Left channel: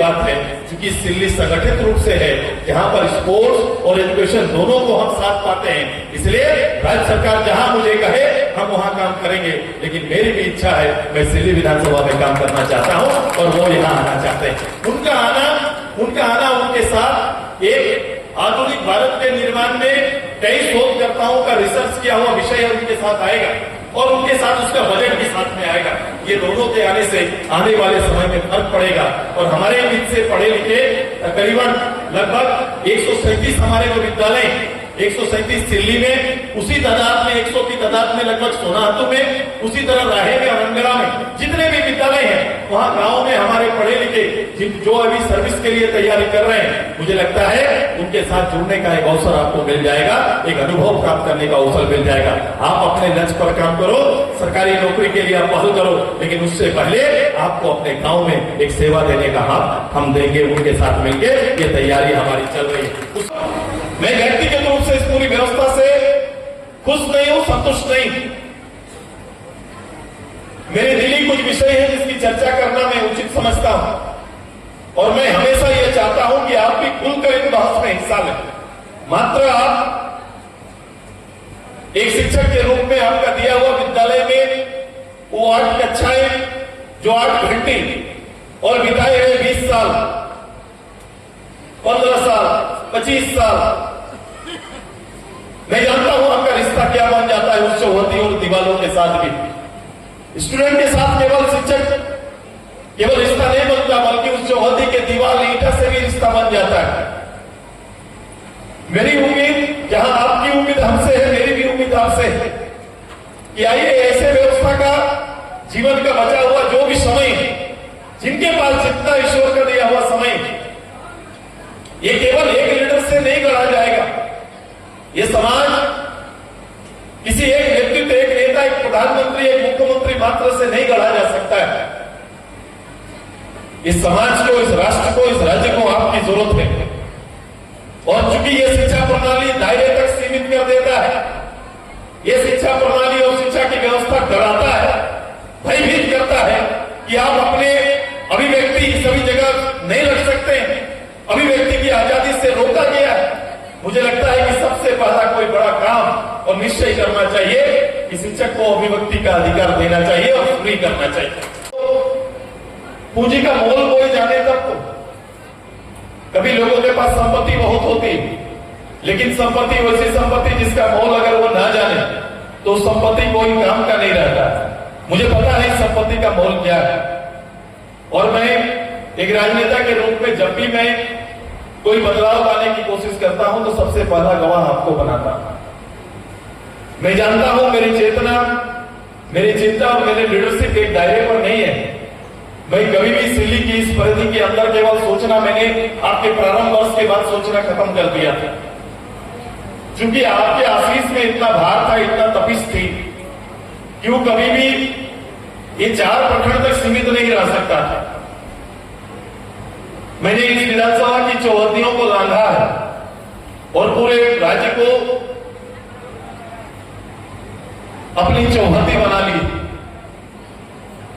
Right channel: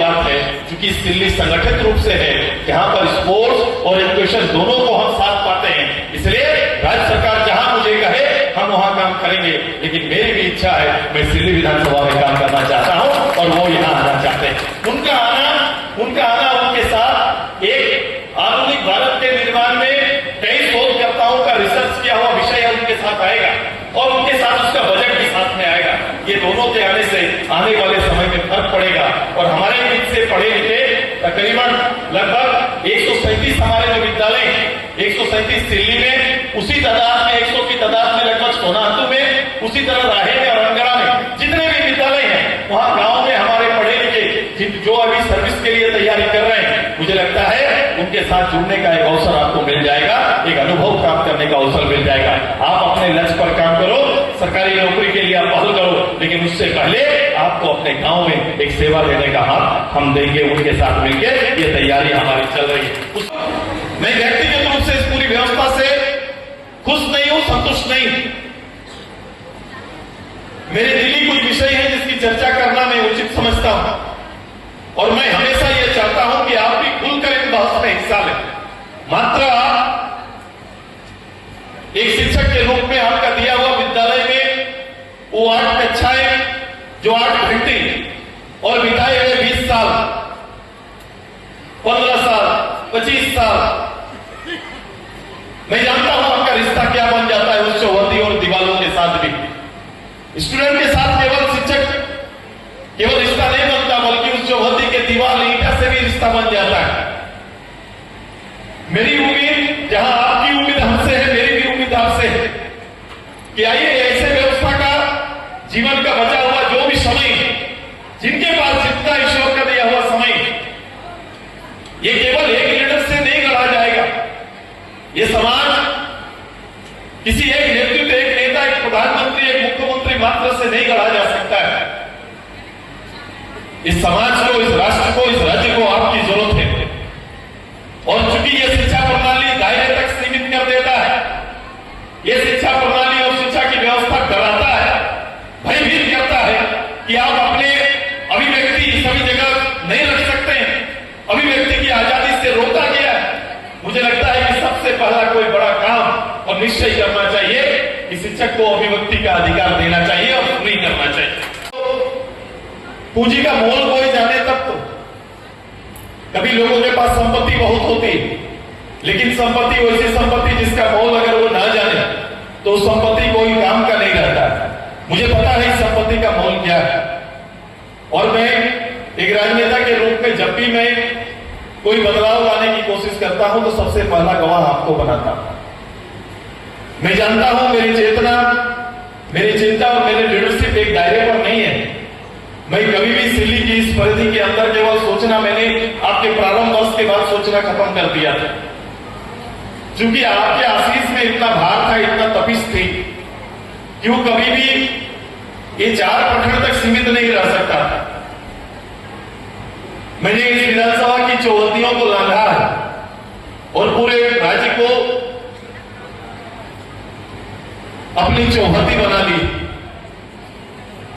बात है, क्योंकि सिल्ली संगठित रूप से है, यहाँ पर स्पोर्ट्स और एजुकेशन दोनों को हम साथ पाते हैं, इसलिए राज्य सरकार जहां मुझे कहे हम वहां काम करेंगे। लेकिन मेरी भी इच्छा है, मैं सिल्ली विधानसभा में काम करना चाहता हूं और वो यहाँ आना चाहते हैं। उनका आना उनके साथ एक आधुनिक भारत के निर्माण में कई शोधकर्ताओं का रिसर्च किया हुआ विषय उनके साथ आएगा और उनके साथ उसका बजट भी साथ में आएगा। ये दोनों के आने से आने वाले समय में फर्क पड़ेगा और हमारे बीच से पढ़े लिखे तकरीबन लगभग 137 हमारे जो विद्यालय 137 दिल्ली में, उसी तादाद में 100 की तादाद में लगभग सोनातू में, उसी तरह राहे में और अंगरा में जितने भी विद्यालय हैं वहां गांव में हमारे पढ़े लिखे जो अभी सर्विस के लिए तैयारी कर रहे हैं, मुझे लगता है उनके साथ जुड़ने का एक अवसर आपको मिल जाएगा, एक अनुभव प्राप्त करने का अवसर मिल जाएगा। आप अपने लक्ष्य पर काम करो, सरकारी नौकरी के लिए आप पहल करो, लेकिन उससे पहले आपको अपने गांव में एक सेवा देने का हाथ हम देंगे। उनके साथ मिलकर ये तैयारी हमारी चल रही है। मैं व्यक्तिगत रूप से इस पूरी व्यवस्था से खुश नहीं हूं, संतुष्ट नहीं। मेरे दिल ही कुछ विषय है जिसकी चर्चा करना मैं उचित समझता हूं और मैं हमेशा यह चाहता हूं कि आप भी खुलकर इन बहस में हिस्सा लें। मात्र आप एक शिक्षक के रूप में आपका दिया हुआ विद्यालय में वो 8 कक्षाएं जो 8 घंटे और बिताए हुए 20 साल, 15 साल, 25 साल, मैं जानता हूं आपका रिश्ता क्या बन जाता है उस चौहद्दी और दीवारों के साथ भी। स्टूडेंट के साथ केवल शिक्षक केवल रिश्ता नहीं बनता, बल्कि उस चौहद्दी के दीवार ईंटा से भी रिश्ता बन जाता है। मेरी उम्मीद, जहां आपकी उम्मीद हमसे है, मेरी भी उम्मीद आपसे है कि आइए ऐसे व्यवस्था का जीवन का बचा हुआ जो भी समय है, जिनके पास जितना ईश्वर का दिया हुआ समय, ये केवल एक लीडर से नहीं गढ़ा जाएगा। ये समाज किसी एक नेतृत्व, एक नेता, एक प्रधानमंत्री, एक मुख्यमंत्री मात्र से नहीं गढ़ा जा सकता है। इस समाज को, इस राष्ट्र को, इस राज्य को आपकी जरूरत है। और चूंकि ये शिक्षा प्रणाली दायरे तक सीमित कर देता है, ये शिक्षा प्रणाली और शिक्षा की व्यवस्था डराता है, भयभीत करता है कि आप अपने अभिव्यक्ति सभी जगह नहीं रख सकते हैं, अभिव्यक्ति की आजादी से रोका गया है। मुझे लगता है कि सबसे पहला कोई बड़ा काम और निश्चय करना चाहिए कि शिक्षक को अभिव्यक्ति का अधिकार देना चाहिए और फ्री करना चाहिए। पूंजी का मोल कोई जाने तब तो कभी लोगों के पास संपत्ति बहुत होती है, लेकिन संपत्ति वैसी संपत्ति जिसका मोल अगर वो ना जाने तो संपत्ति कोई काम का नहीं रहता। मुझे पता है संपत्ति का मोल क्या है और मैं एक राजनेता के रूप में जब भी मैं कोई बदलाव लाने की कोशिश करता हूं तो सबसे पहला गवाह आपको बनाता हूं। मैं जानता हूं मेरी चेतना, मेरी चिंता और मेरी लीडरशिप एक दायरे पर नहीं है। मैं कभी भी सिल्ली की इस परिधि के अंदर केवल सोचना, मैंने आपके प्रारंभ वर्ष के बाद सोचना खत्म कर दिया था, क्योंकि आपके आशीष में इतना भार था, इतना तपिश थी, क्यों कभी भी ये 4 प्रखंड तक सीमित नहीं रह सकता। मैंने इस विधानसभा की चौहद्दियों को लांघा है और पूरे राज्य को अपनी चौहद्दी बना